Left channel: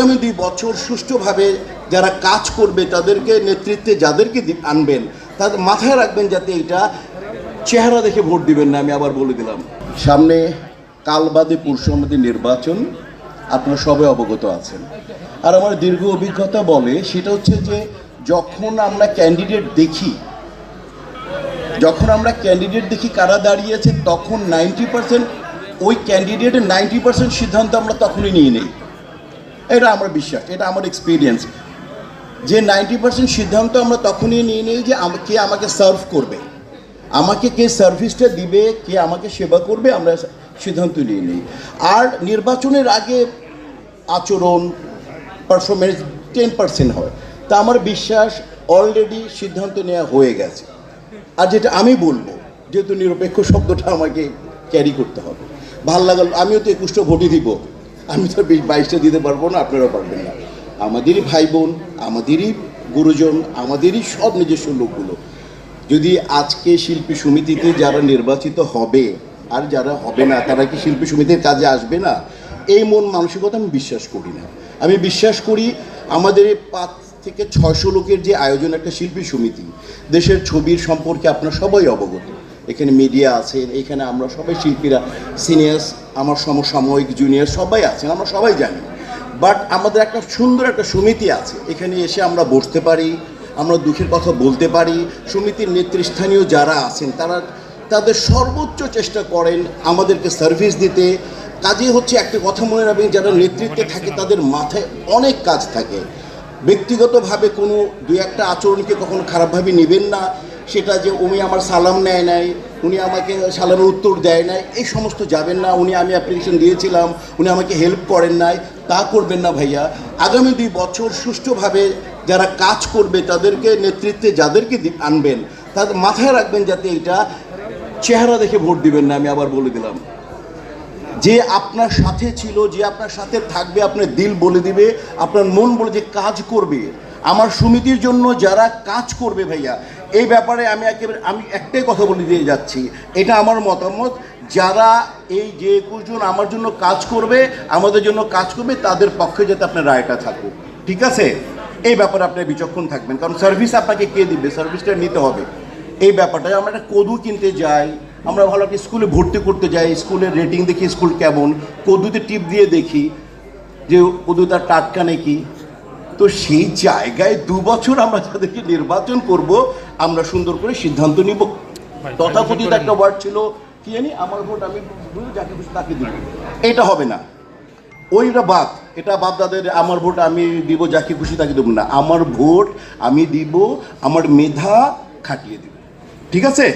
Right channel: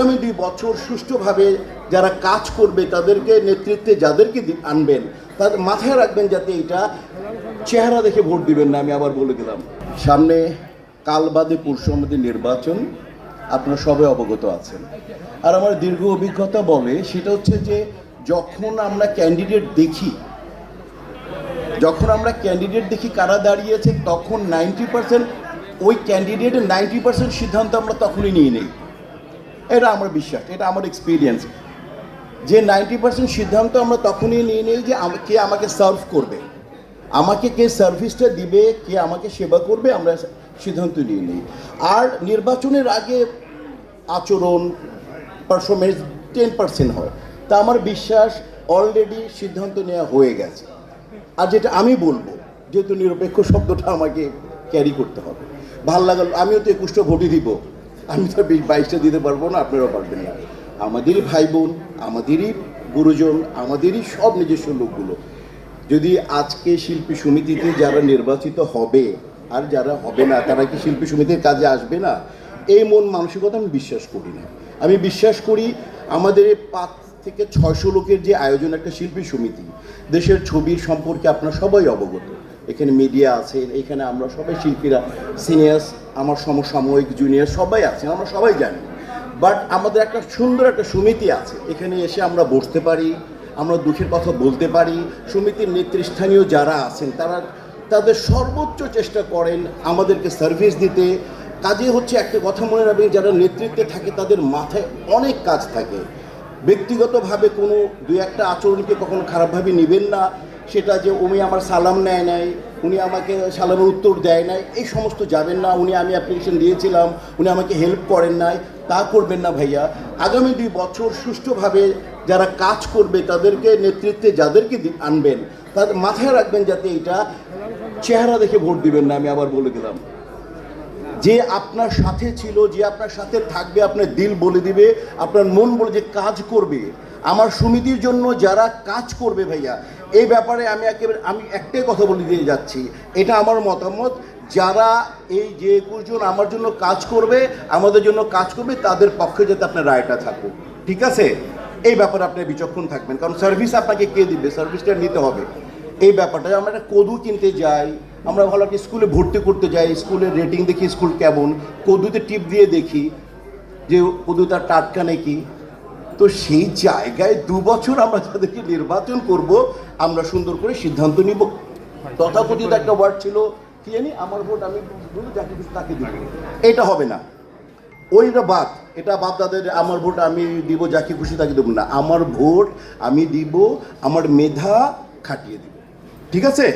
আগামী 2 বছর সুষ্ঠুভাবে যারা কাজ করবে তাদেরকে নেতৃত্বে যাদেরকে আনবেন তাদের মাথায় রাখবেন যাতে এটা চেহারা দেখে ভোট দিবেন না। আমি আবার বলে দিলাম, সামনে কাল বাদে পরশু আমাদের নির্বাচন, আপনারা সবাই অবগত আছেন। আর আমার দীর্ঘ অভিজ্ঞতা বলে সেটা হচ্ছে যে যখন আমরা ক্যান্ডিডেট দেখি কারা দাঁড়িয়েছে, তখন 90% ওই ক্যান্ডিডেটের 90% সিদ্ধান্ত আমরা তখনই নিয়ে নিই। এটা আমার বিশ্বাস, এটা আমার এক্সপিরিয়েন্স, যে 90% সিদ্ধান্ত আমরা তখনই নিয়ে নিই যে কে আমাকে সার্ভ করবে, আমাকে কে সার্ভিসটা দিবে, কে আমাকে সেবা করবে, আমরা সিদ্ধান্ত নিয়ে নিই। আর নির্বাচনের আগে আচরণ পারফরমেন্স 10% হয়। তা আমার বিশ্বাস অলরেডি সিদ্ধান্ত নেওয়া হয়ে গেছে। আর যেটা আমি বলবো, যেহেতু নিরপেক্ষ শব্দটা আমাকে ক্যারি করতে হবে, ভাল লাগাল, আমিও তো 21টা ভোটই দিব, আমি তো 22টা দিতে পারবো না, আপনারাও পারবেন না। আমাদেরই ভাই বোন, আমাদেরই গুরুজন, আমাদেরই সব নিজস্ব লোকগুলো যদি আজকে শিল্পী সমিতিতে যারা নির্বাচিত হবে আর যারা হবে না তারা কি শিল্পী সমিতির কাজে আসবে না, এই মন মানসিকতা আমি বিশ্বাস করি না। আমি বিশ্বাস করি আমাদের 5 থেকে 600 লোকের যে আয়োজন একটা শিল্পী সমিতি, দেশের ছবির সম্পর্কে আপনারা সবাই অবগত, এখানে মিডিয়া আছে, এখানে আমরা সবাই শিল্পীরা, সিনিয়র্স, আমার সমসাময়িক জুনিয়র সবাই আছেন, আমরা সবাই জানি। বাট আমাদের একটা সুন্দর একটা সমিতি আছে, এখানে এসে আমরা বসতে পারি, আমরা দুঃখের কথা বলতে পারি। সমিতির নেতৃস্থানীয় যারা আছেন তারা তাদের সর্বোচ্চ চেষ্টা করেন আমাদেরকে সার্ভিস দিতে। কাজে হচ্ছে একটা কথা মনে রাখবেন, যারা নেতৃত্বে থাকে তাদের মাথায় অনেক কাজ থাকে। ব্যক্তিগতভাবে কোনো 2-1টা আচরণকে কখনো খারাপভাবে নেবেন না, সেটা যে উনি আমার সালাম নেয় নাই, উনি আমাকে সালামের উত্তর দেয় নাই, এই সমস্ত যাবেন না। আমি অ্যাপ্লিকেশন দিয়েছিলাম, উনি আমাকে হেল্প করেন নাই, তা করবেন না ভাইয়া। আগামী 2 বছর সুষ্ঠুভাবে যারা কাজ করবে তাদেরকে নেতৃত্বে যাদেরকে আনবেন তাদের মাথায় রাখবেন যাতে এটা চেহারা দেখে ভোট দিবেন না। আমি আবার বলে দিলাম, যে আপনার সাথে ছিল, যে আপনার সাথে থাকবে, আপনার দিল বলে দিবে, আপনার মন বলে যে কাজ করবে, আমার সমিতির জন্য যারা কাজ করবে ভাইয়া, এই ব্যাপারে আমি একটাই কথা বলে দিয়ে যাচ্ছি, এটা আমার মতামত, যারা এই যে 21 জন আমার জন্য কাজ করবে, আমাদের জন্য কাজ করবে, তাদের পক্ষে যাতে আপনার রায়টা থাকুক, ঠিক আছে? এই ব্যাপারে আপনি বিচক্ষণ থাকবেন, কারণ সার্ভিস আপনাকে কে দিবে, সার্ভিসটা নিতে হবে। এই ব্যাপারটা আমরা একটা কদু কিনতে যাই, আমরা ভালো একটা স্কুলে ভর্তি করতে যাই, স্কুলের রেটিং দেখি স্কুল কেমন, কদুতে টিপ দিয়ে দেখি যে কদুটা টাটকা নাকি। তো সেই জায়গায় 2 বছর আমরা যাদেরকে নির্বাচন করব, আমরা সুন্দর করে সিদ্ধান্ত নিব। তথাকথিত একটা ওয়ার্ড ছিল কি জানি, আমার ভোট আমি যাকে খুশি তাকে দিব, এটা হবে না। এটা বাপ দাদের আমার ভোট আমি দিব যাকে খুশি তাকে দেব না, আমার ভোট আমি দিব আমার মেধা খাটিয়ে দিব, ঠিক আছে?